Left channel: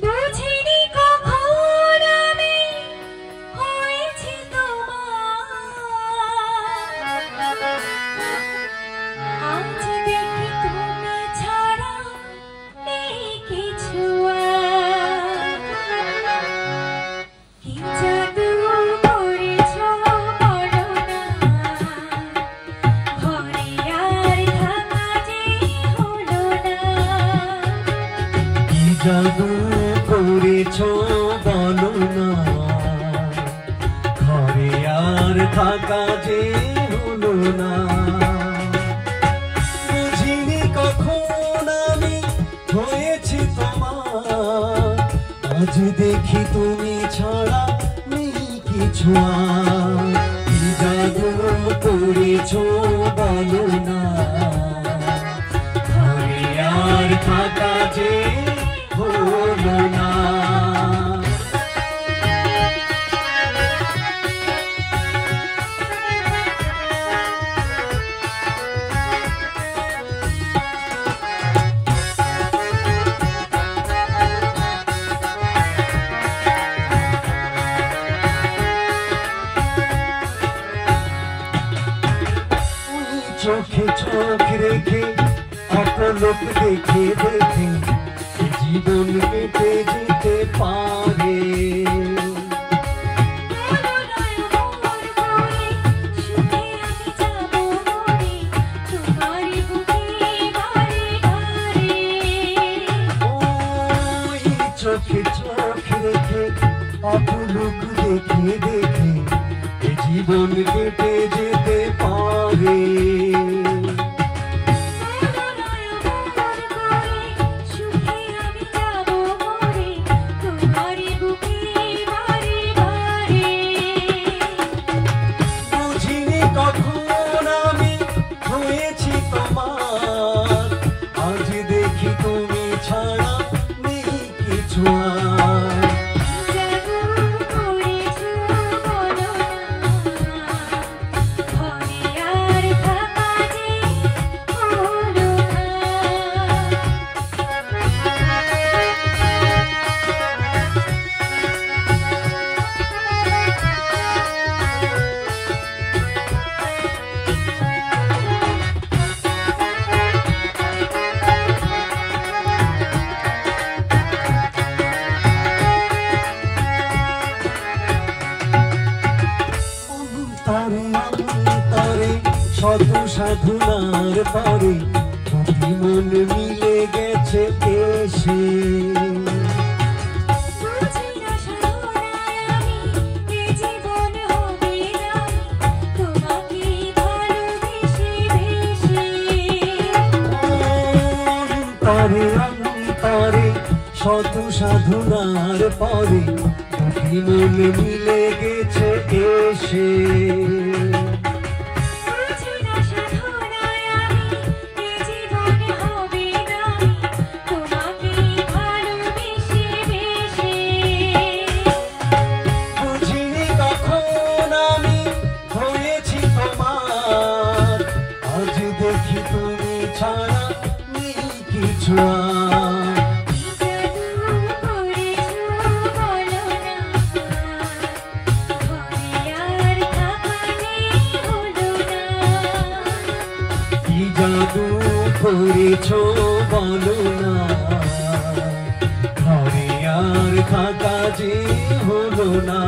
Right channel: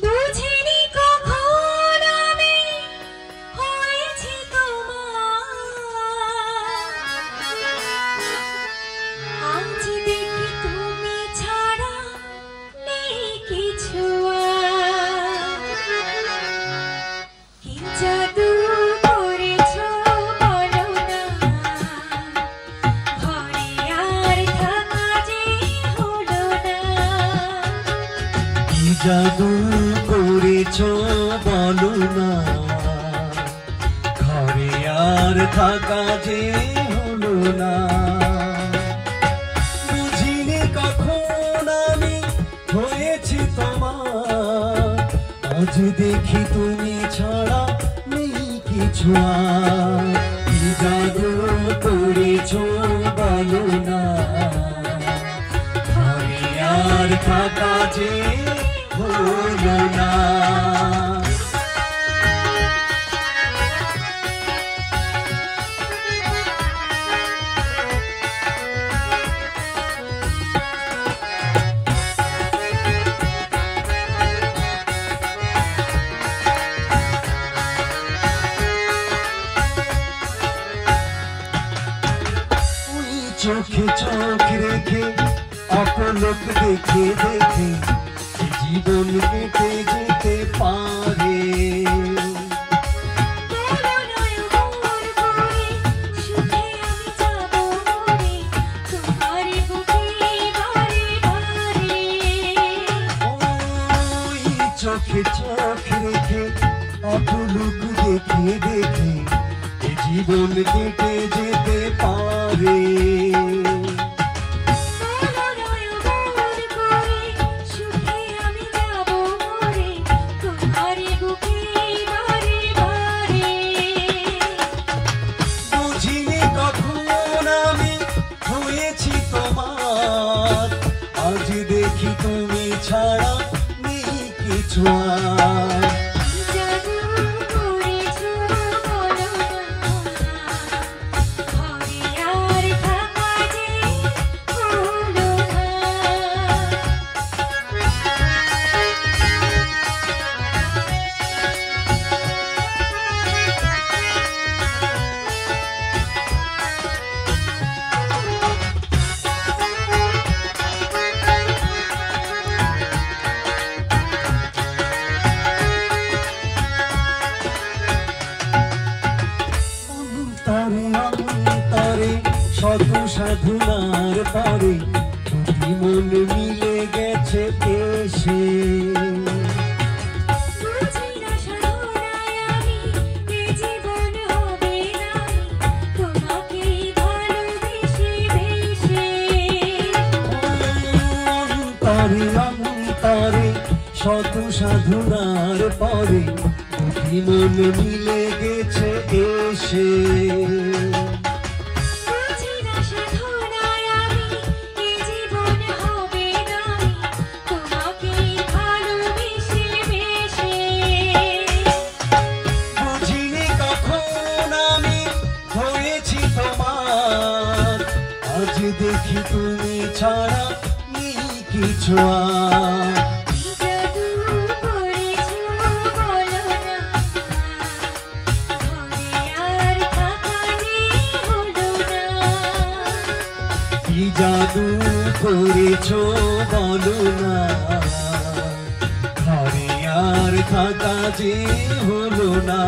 বুঝিনি কখন আমি হয়েছি তোমার, আজ দেখি তুমি ছাড়া নেই কিছু আর। কি জাদু করেছ বলো না, ঘরে আর থাকা যে হলো না। কি জাদু করেছ বলো না, ঘরে আর থাকা যে হলো না। বুঝিনি কখন আমি হয়েছি তোমার, আজ দেখি তুমি ছাড়া নেই কিছু আর। কি জাদু করেছ বলো না, ঘরে আর থাকা যে হলো না। চোখে চোখ রেখে অপলক দেখে দেখে জীবন কেটে যেতে পারে। চোখে চোখ রেখে অপলক দেখে দেখে জীবন কেটে যেতে পারে। বুঝিনি কখন আমি হয়েছি তোমার, আজ দেখি তুমি ছাড়া নেই কিছু আর। অন্তরে শত সাধনার পরে দুটি মন মিলে গেছে এসে। অন্তরে শত সাধনার পরে দুটি মন মিলে গেছে এসে। বুঝিনি কখন আমি হয়েছি তোমার, আজ দেখি তুমি ছাড়া নেই কিছু আর। কি জাদু করেছ বলো না, ঘরে আর থাকা যে হলো না।